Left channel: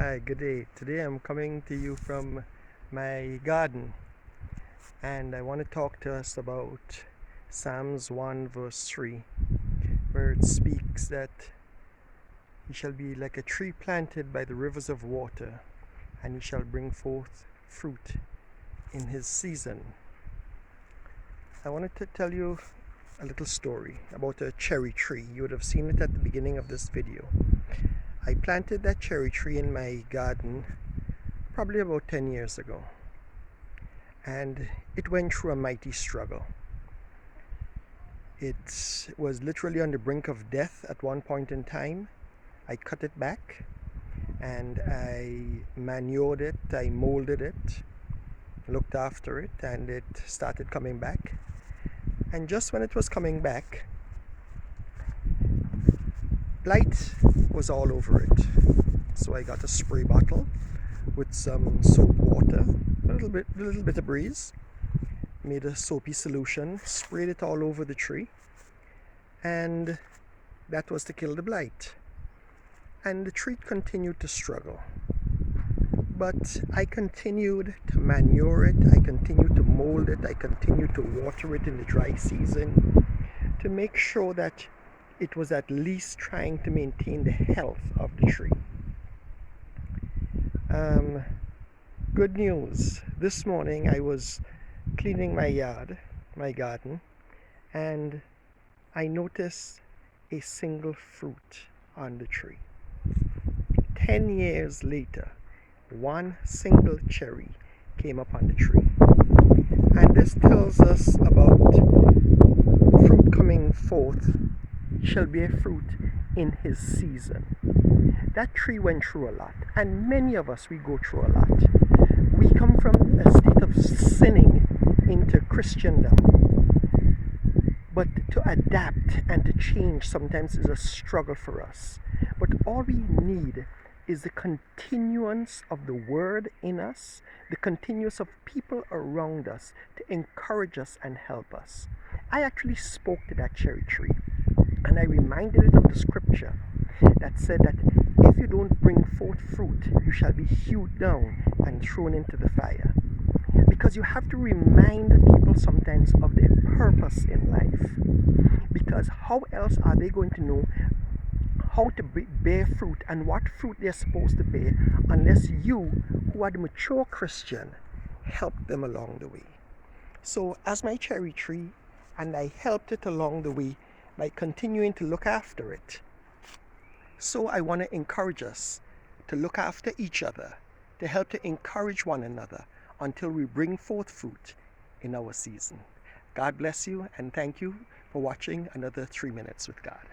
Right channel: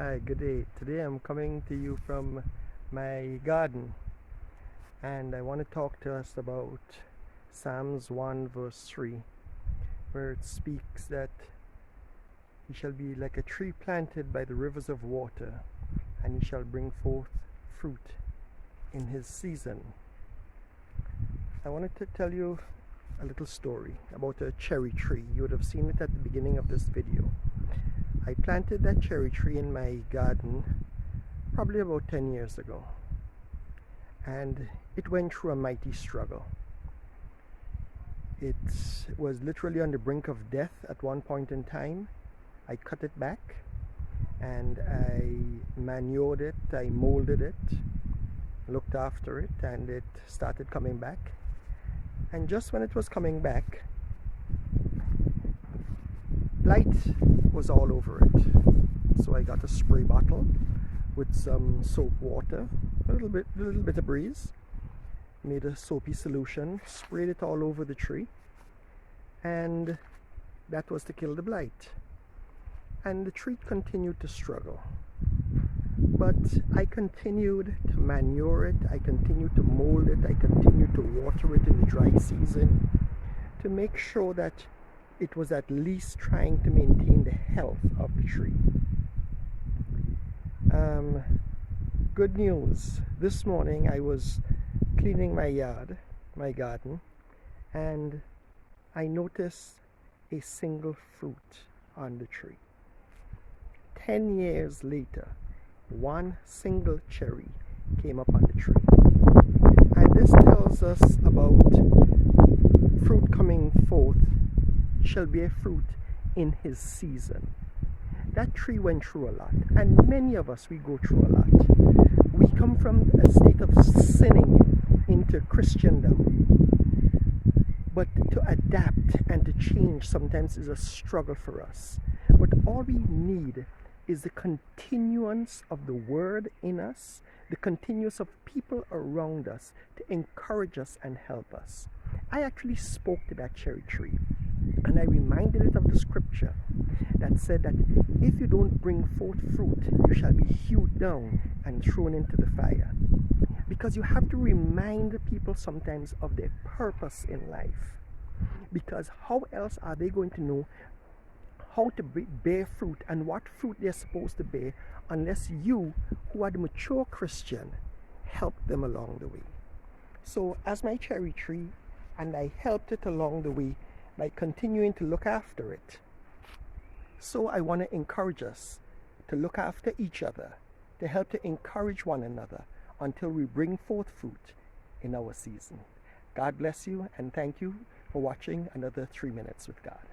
Hi, good day. Today I'm coming to you from my garden, and I want to talk to us about Psalms 1 verse 3, where it speaks that he shall be like a tree planted by the rivers of water, and he shall bring forth fruit in his season. I wanted to tell you a little story about a cherry tree. You would have seen it at the beginning of this video. I planted that cherry tree in my garden probably about 10 years ago, and it went through a mighty struggle. It was literally on the brink of death at one point in time. I cut it back and I manured it, I molded it, looked after it, and it started coming back. And just when it was coming back, blight was all over it. So I got a spray bottle with some soap water, a little bit of breeze, made a soapy solution, sprayed it all over the tree, and that was to kill the blight. And the tree continued to struggle. But I continued to manure it, I continued to mold it, I continued to water it in the dry season to make sure that it was at least trying to maintain the health of the tree. Good news. This morning I was cleaning my garden, and I noticed a single fruit on the tree. 10 years later, one single cherry came up on the tree. And this tells us about fruit coming forth shall bear fruit in his season. That tree went through a lot, and many of us, we go through a lot. We come from a state of sinning into Christendom, but to adapt and to change sometimes is a struggle for us. But all we need is the continuance of the word in us, the continuance of people around us to encourage us and help us. I actually spoke to that cherry tree, and I reminded it of the scripture that said that if you don't bring forth fruit, you shall be hewed down and thrown into the fire. Because you have to remind people sometimes of their purpose in life. Because how else are they going to know how to bear fruit and what fruit they're supposed to bear unless you, who are the mature Christian, help them along the way? So as my cherry tree, and I helped it along the way by continuing to look after it. So I want to encourage us to look after each other, to help to encourage one another until we bring forth fruit in our season. God bless you, and thank you for watching another 3 Minutes with God.